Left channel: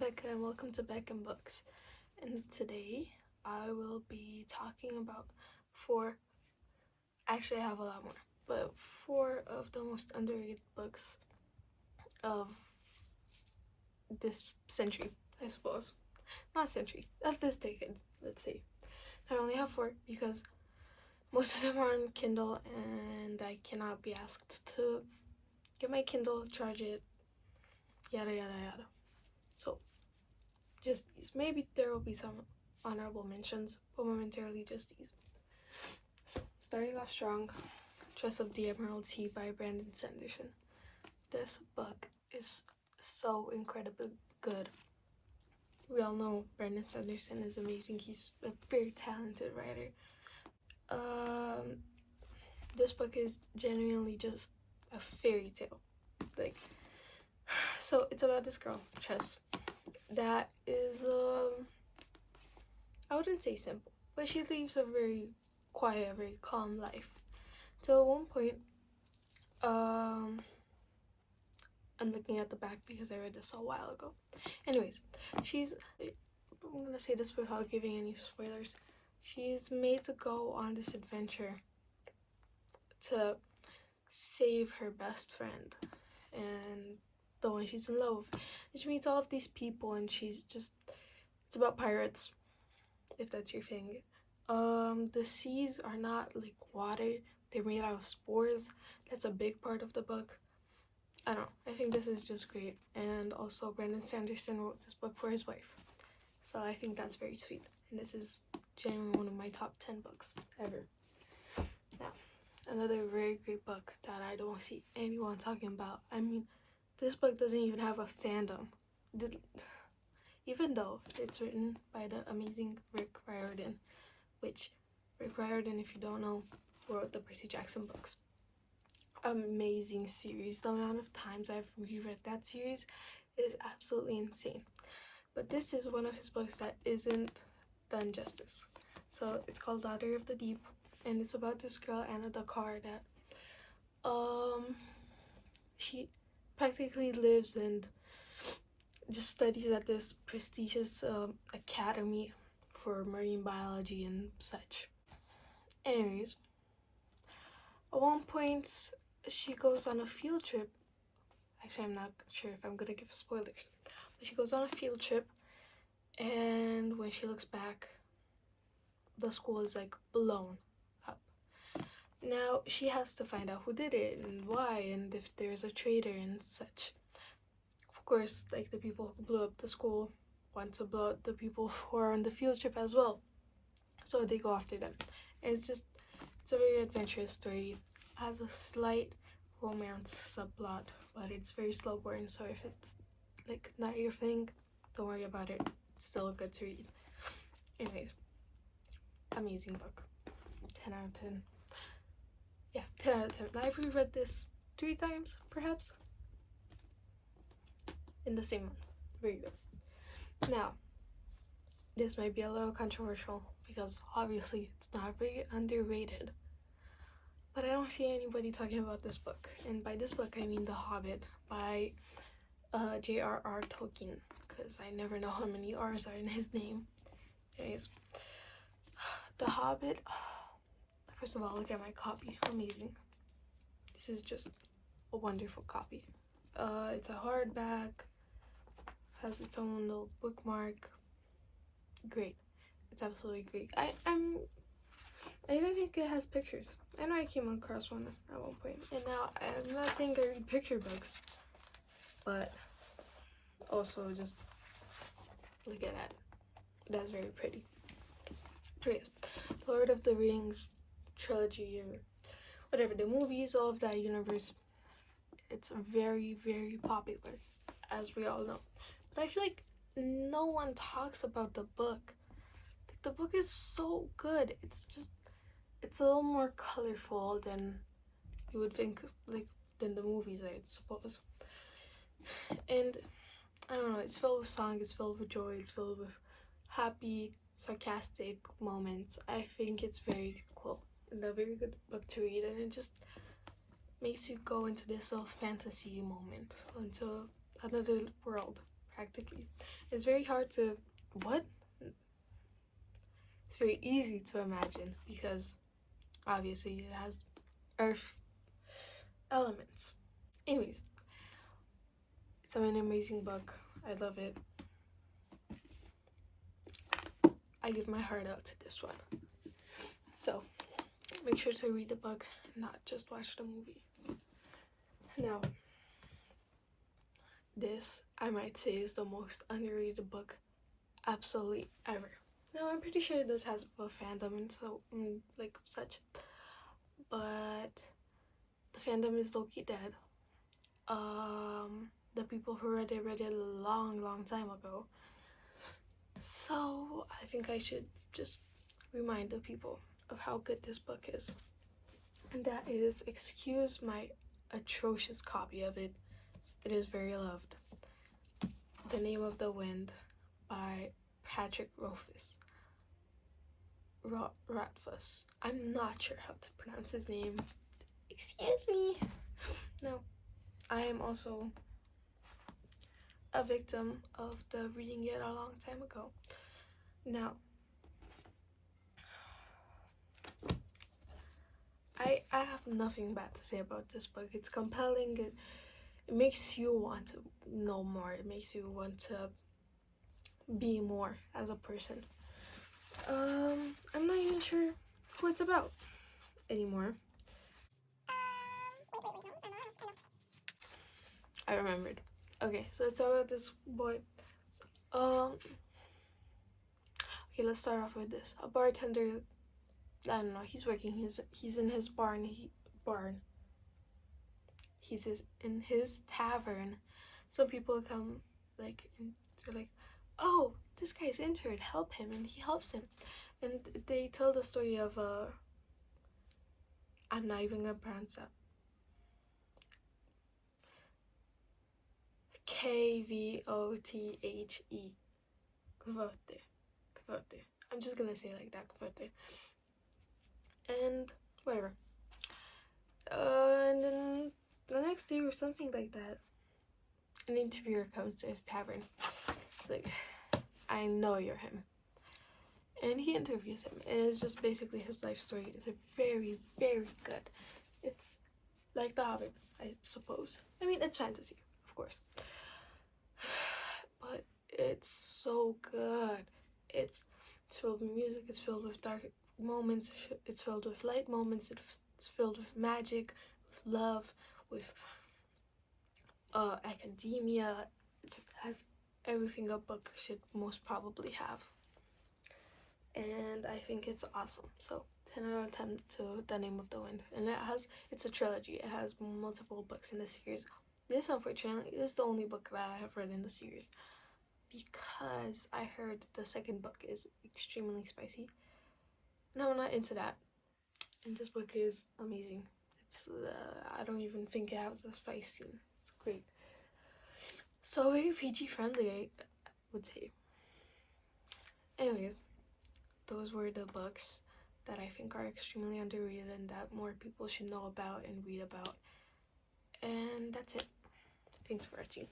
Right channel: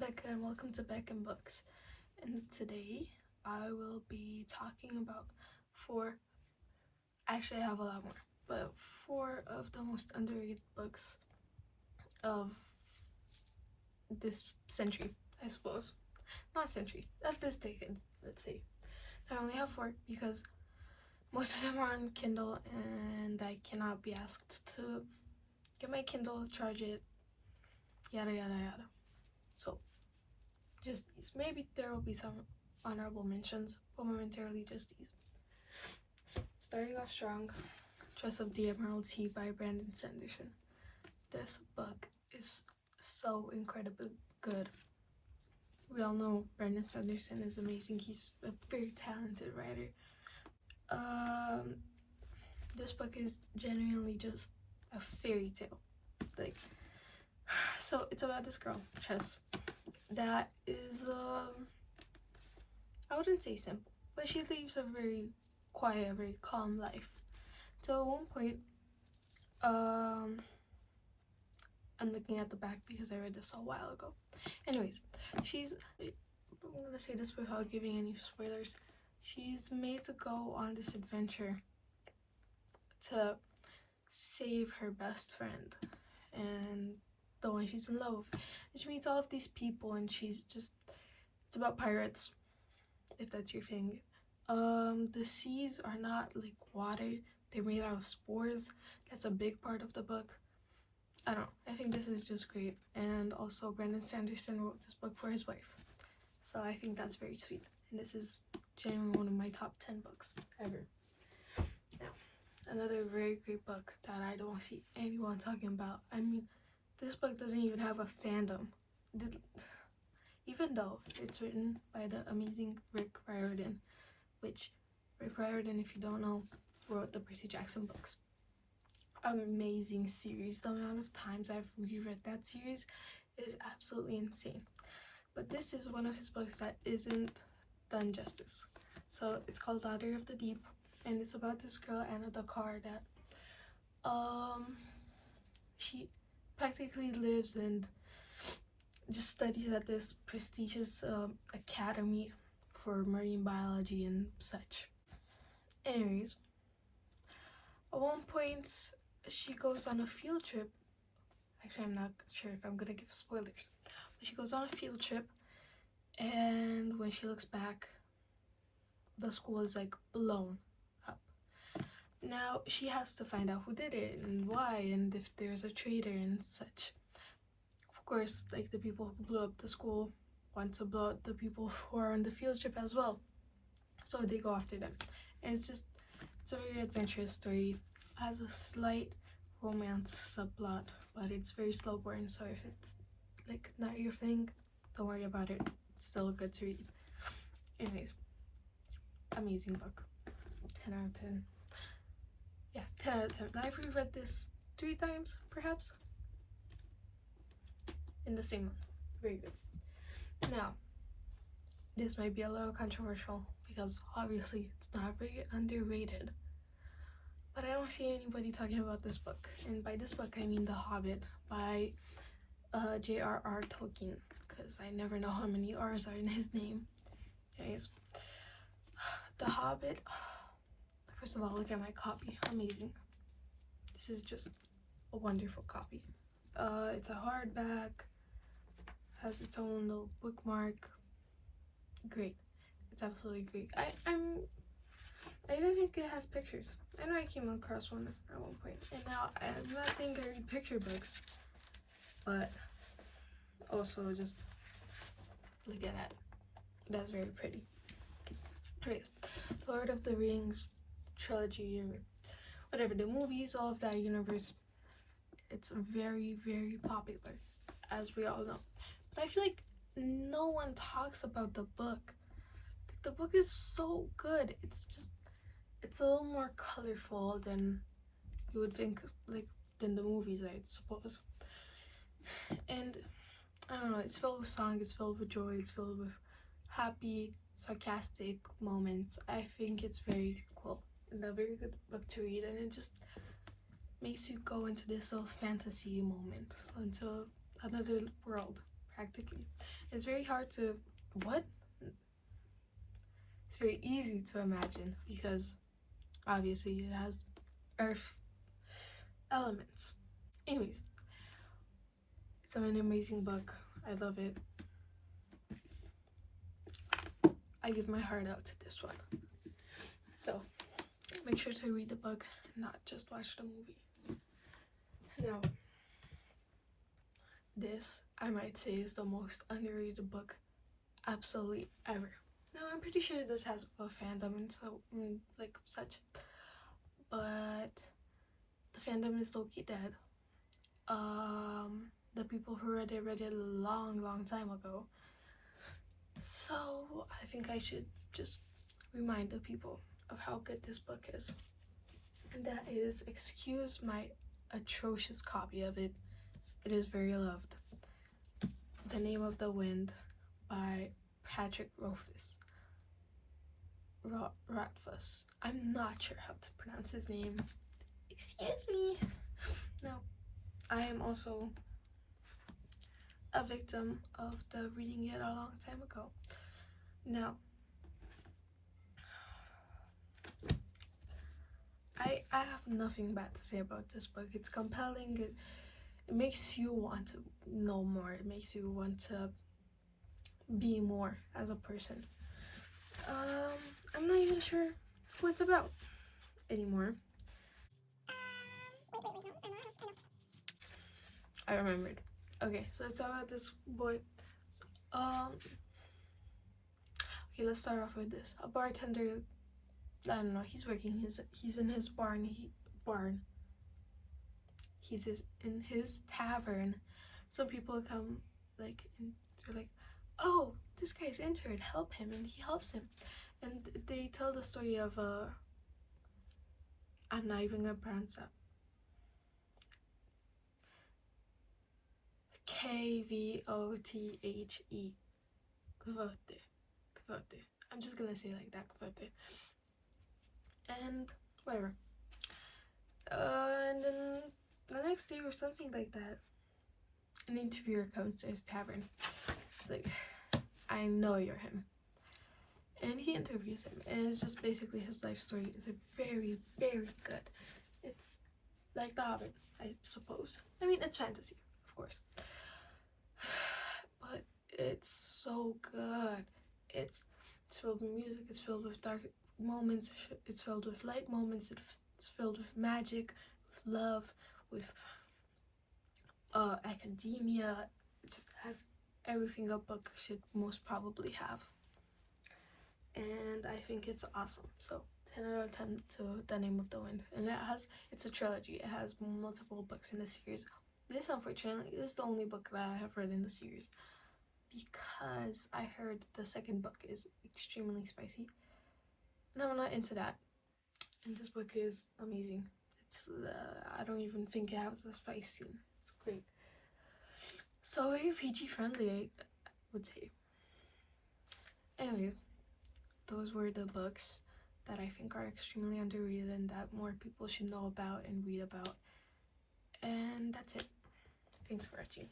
Becca and welcome to Becca and Books. And today I will be talking about four, actually I have a lot more, but four of the most underrated books of this century, I suppose. Not century, of this decade, let's say. I only have four because most of them are on Kindle and I cannot be asked to get my Kindle, charge it, yada yada yada. So just these. Maybe there will be some honorable mentions, but momentarily just these. So, starting off strong, Dress of the Emerald Sea by Brandon Sanderson. This book is so incredibly good. We all know Brandon Sanderson is amazing. He's a very talented writer. This book is genuinely just a fairy tale. So it's about this girl, Chess, that is I wouldn't say simple, but she lives a very quiet, very calm life. Till at one point, I'm looking at the back because I read this a while ago. Anyways, I'm gonna say this without giving any spoilers. She's made to go on this adventure to save her best friend and the one she's in love with. And she meets all of these people and it's about pirates, if that's your thing. The seas are not like water, they're made out of spores. That's a big part of the book. I don't know, I think this is just great. And also Brandon Sanderson wrote this book for his wife, so I think that's very sweet. And this is genuinely one of my top 10 books ever. Yeah, another very great book that I don't see anyone talking about. I mean, this book doesn't even have a fandom, even though it's written by the amazing Rick Riordan, which Rick Riordan, if you don't know, wrote the Percy Jackson books. Amazing series. The amount of times I've reread that series is absolutely insane. But this is one of his books that isn't done justice. So it's called Daughter of the Deep, and it's about this girl, Anna Dakar, that she practically lives and just studies at this prestigious academy for marine biology and such. Anyways, at one point she goes on a field trip. Actually, I'm not sure if I'm gonna give spoilers, but she goes on a field trip, and when she looks back, the school is like blown up. Now she has to find out who did it and why, and if there's a traitor and such. Of course, like, the people who blew up the school want to blow up the people who are on the field trip as well, so they go after them. And it's a very adventurous story. It has a slight romance subplot, but it's very slow burn, so if it's like not your thing, don't worry about it. It's still good to read. Anyways, amazing book. 10 out of 10. Yeah, 10 out of 10. I've reread this 3 times, perhaps, in the same month. Very good. Now, this might be a little controversial because obviously it's not very underrated, but I don't see anybody talking about this book. And by this book, I mean The Hobbit by J.R.R. Tolkien, because I never know how many R's are in his name. Anyways, The Hobbit. First of all, look at my copy. Amazing. This is just a wonderful copy. It's a hardback, has its own little bookmark. Great. It's absolutely great. I even think it has pictures. I know I came across one at one point. And now, I'm not saying I read picture books, but also just look at that. That's very pretty. Anyways, Lord of the Rings trilogy, or whatever, the movies, all of that universe, it's very, very popular, as we all know. But I feel like no one talks about the book. The book is so good. It's a little more colorful than you would think, like, than the movies, I suppose. And I don't know, it's filled with song, it's filled with joy, it's filled with happy, sarcastic moments. I think it's very cool and a very good book to read, and it just makes you go into this little fantasy moment, into another world, practically. It's very hard to, what? It's very easy to imagine because obviously it has earth elements. Anyways, it's an amazing book. I love it. I give my heart out to this one. So make sure to read the book and not just watch the movie. Now, this, I might say, is the most underrated book absolutely ever. Now, I'm pretty sure this has a fandom and so, like, such. But the fandom is low-key dead. The people who read it a long time ago. So, I think I should just remind the people of how good this book is. And that is, excuse my atrocious copy of it. It is very loved. The Name of the Wind by Patrick Rothfuss. Rothfuss. I'm not sure how to pronounce his name. Excuse me. No, I am also a victim of the reading it a long time ago. Now, I have nothing bad to say about this book. It's compelling. It makes you want to know more. It makes you want to be more as a person. I'm not even sure who it's about anymore. I remembered. Okay, so it's about this boy. Okay, let's start off with this. A bartender, I don't know, he's working, he's in his barn, he's in his tavern. Some people come, like, and they're like, oh, this guy's injured, help him, and he helps him. And they tell the story of, I'm not even gonna pronounce that. Kvothe. Kvote. I'm just gonna say like that, Kvote. And whatever. And then the next day or something like that, an interviewer comes to his tavern. It's like, I know you're him. And he interviews him, and it's just basically his life story. It's a very good. It's like The Hobbit, I suppose. I mean, it's fantasy, of course. But it's so good. It's filled with music, it's filled with dark moments, it's filled with light moments, it's filled with magic, with love, with academia. It just has everything a book should most probably have. And I think it's awesome. So 10 out of 10 to The Name of the Wind. And it's a trilogy. It has multiple books in the series. This, unfortunately, is the only book that I have read in the series, because I heard the second book is extremely spicy. And I'm not into that. And this book is amazing. It's I don't even think it has a spice scene. It's great. So very PG friendly, I would say. Anyway, those were the books that I think are extremely underrated and that more people should know about and read about. And that's it. Thanks for watching.